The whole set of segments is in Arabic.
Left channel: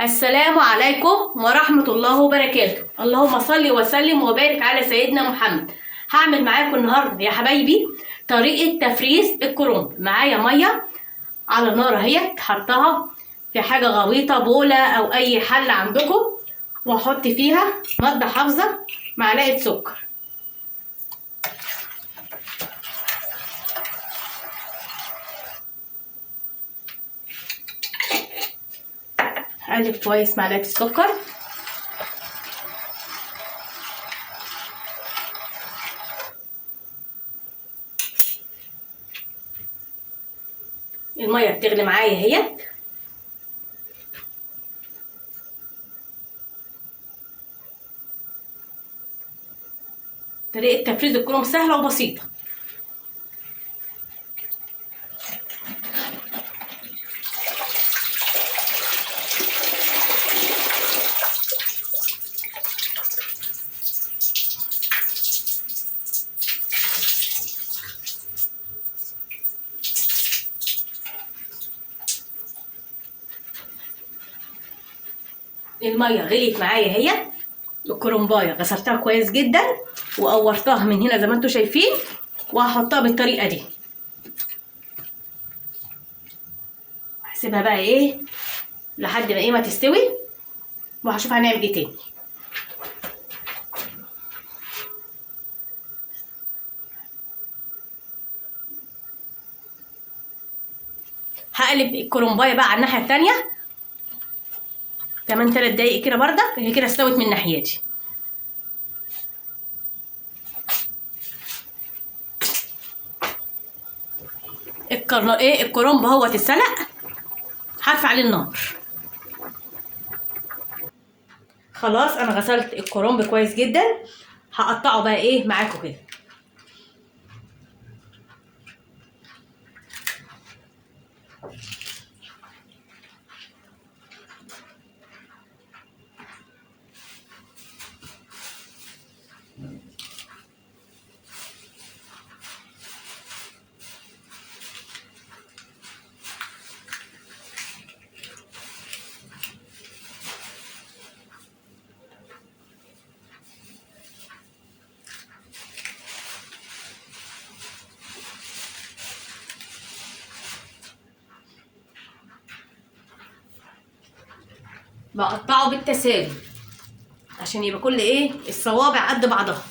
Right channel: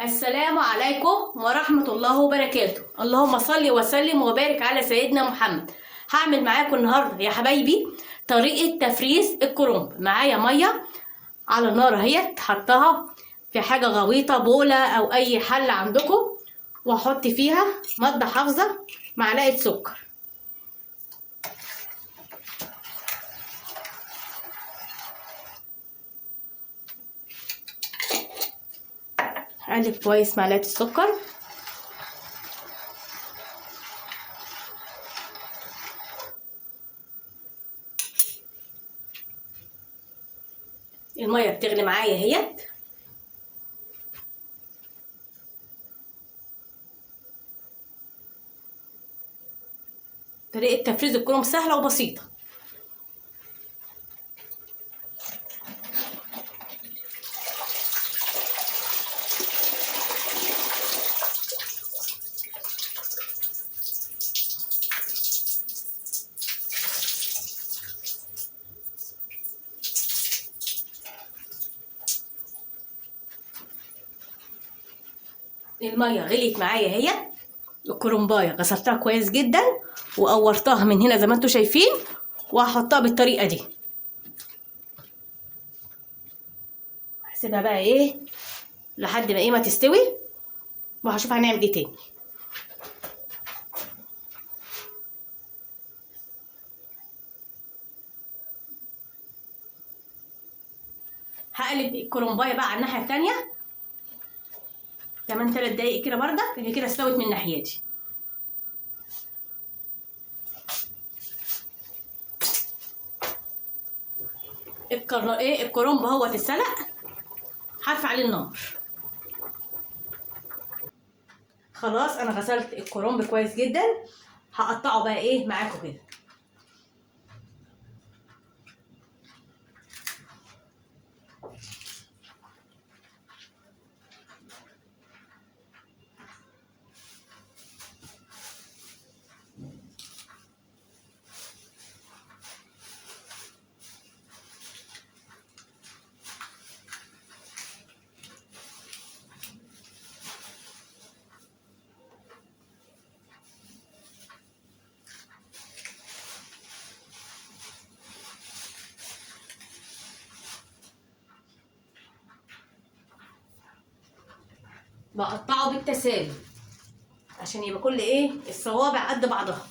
السلام عليكم ورحمة الله وبركاته. اللهم صل وسلم وبارك على سيدنا محمد. هعمل معاكم النهارده يا حبايبي طريقة تفريز الكرنب. معايا مية على نار اهيت، حطها في حاجة غويطة، بولة او اي حل عندكم، واحط فيها مادة حافظة معلقة سكر. اقلب كويس معلقة السكر. المية بتغلي معايا اهيت. طريقة تفريز الكرنب سهلة وبسيطة. المية غليت معايا اهي. الكرنبايه غسلتها كويس جدا وقورتها من هنا زي ما انتم شايفين، وهحطها بالطريقه دي. هسيبها بقى ايه لحد ما تستوي، وهشوف هنعمل ايه تاني. هقلب الكرنبايه بقى على الناحيه التانيه كمان 3 دقايق كده بردك. هي كده استوت من ناحيتي. الكرنب اهوت اتسلق، هرفع عليه النار. خلاص انا غسلت الكرنب كويس جدا، هقطعه بقى ايه معاكم كده. بقطعه بالتساوي عشان يبقى كل الصوابع قد بعضها.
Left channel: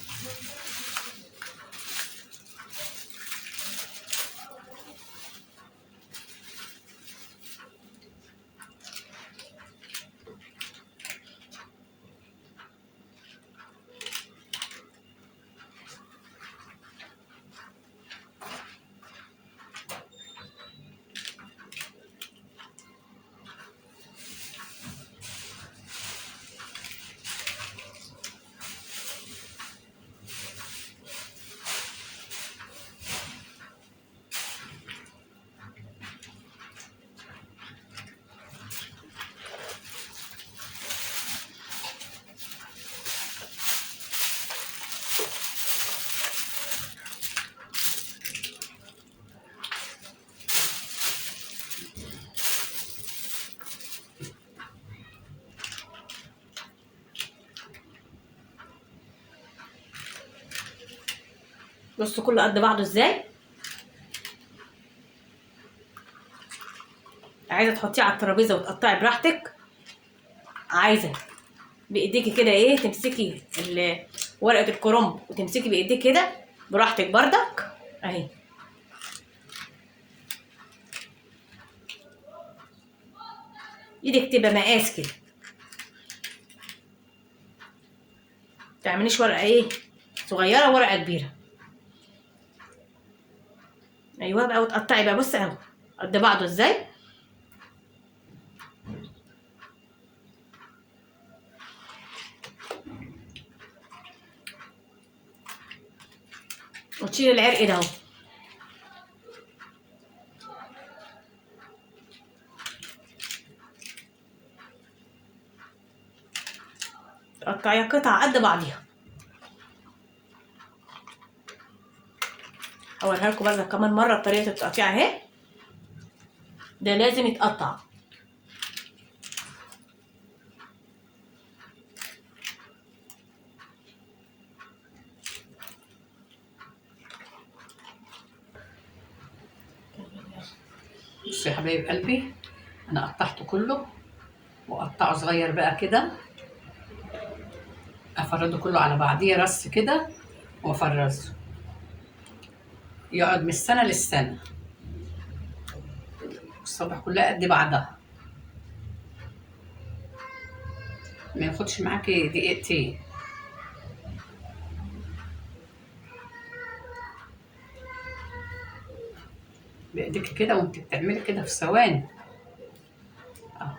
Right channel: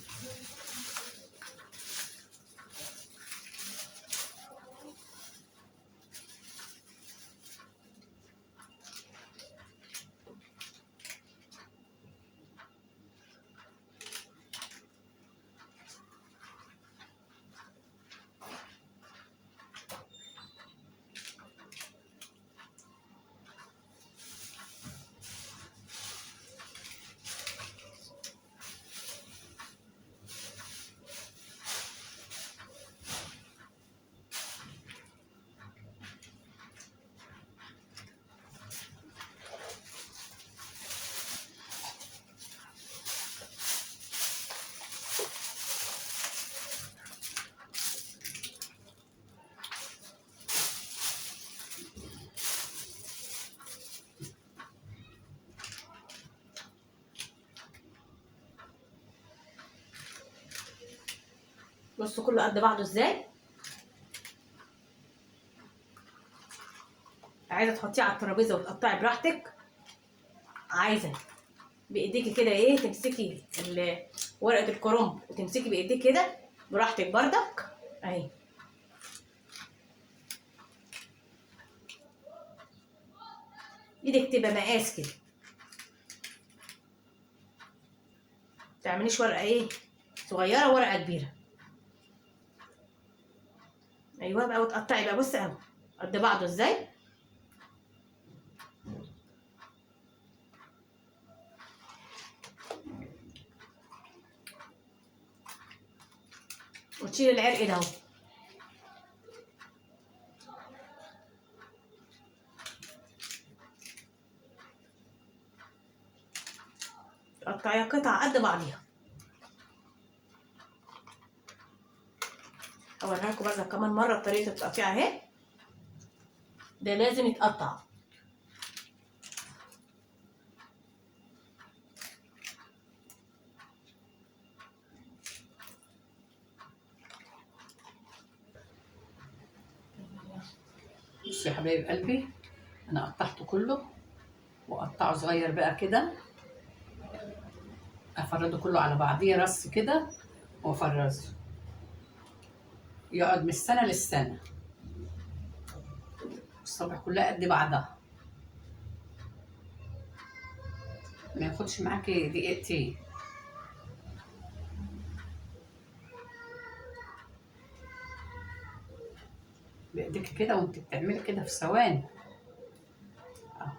بصوا كله قد بعضه ازاي. عايزه تحطيه على الترابيزه وتقطعي براحتك، عايزه بايديكي كده تمسكي ورقه الكرنب وتمسكي بايديك كده براحتك بردك اهي. ايدك تبقى مقاس كده، متعمليش ورقه صغيره ورقه كبيره. ايوه بقى، وتقطعي بقى. بصي اهو قد بعضه ازاي. وتشيلي العرق ده اهو. تقطعيها قطع قد بعضيها. اوريها لكم برضه كمان مره طريقه التقطيع اهي. ده لازم يتقطع. بصوا يا حبايب قلبي، انا قطعته كله وقطعه صغير بقى كده، افرده كله على بعضيه رص كده وافرزه يقعد من السنه للسنه، الصبح كلها قد بعضها، ما ياخدش معاكي دقيقتين. بايديك كده وانت بتعملي كده في ثواني. اهو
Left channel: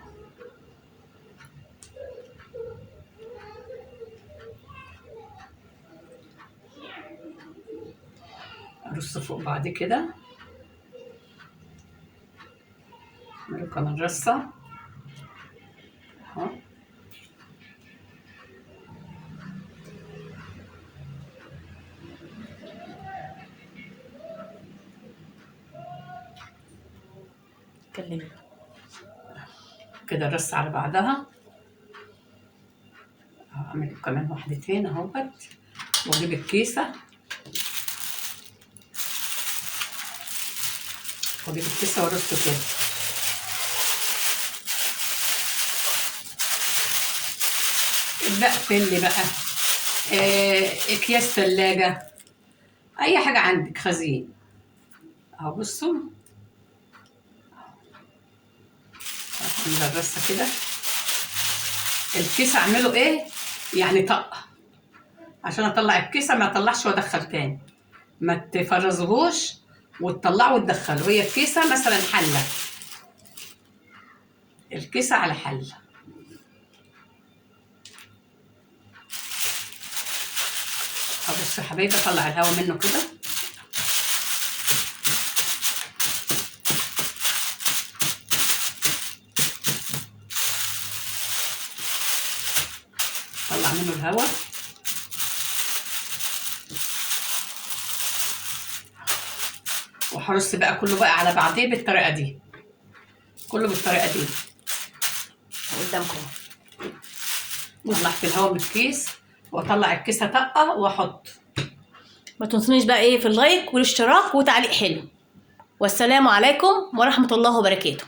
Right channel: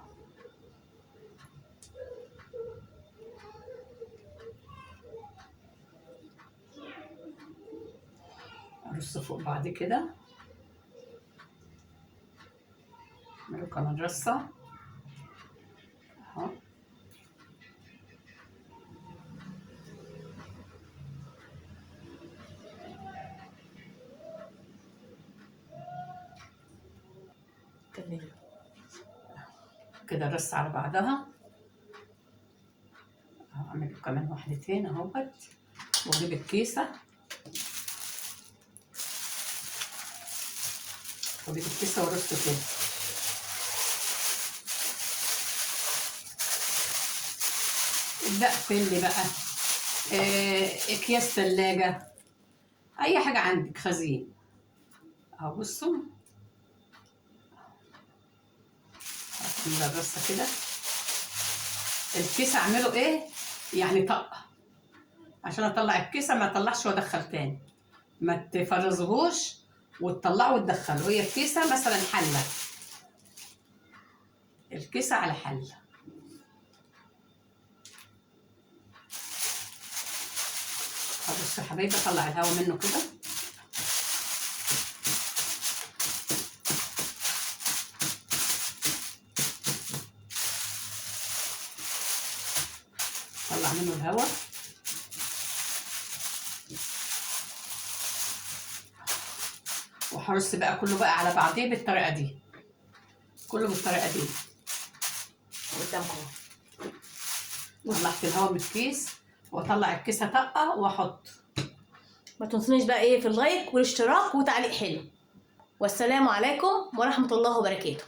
ارص فوق بعض كده، اعمل كمان رصه اهو. كلمي. كده الرصه على بعضها، اعمل كمان واحدتين اهوت، واجيب الكيسه وارصه كده. بقفل لي بقى اكياس تلاجة، اي حاجة عندك خزين اهو. بصوا الرصة كده، الكيسة اعمله ايه يعني طقة، عشان اطلع الكيسة ما اطلعش وادخل تاني، ما تفرزهوش وتطلعه وتدخله. هي الكيسة مثلا حلة، الكيسة على حلة. بص يا حبايبي، اطلع الهواء منه كده، اطلع منه الهواء وهرص بقى كله بقى على بعضيه بالطريقة دي، كله بالطريقة دي قدامكم. طلعت الهواء من الكيس واطلع الكيسة طقة واحط. ما تنسونيش بقى ايه في اللايك والاشتراك وتعليق حلو. والسلام عليكم ورحمة الله وبركاته.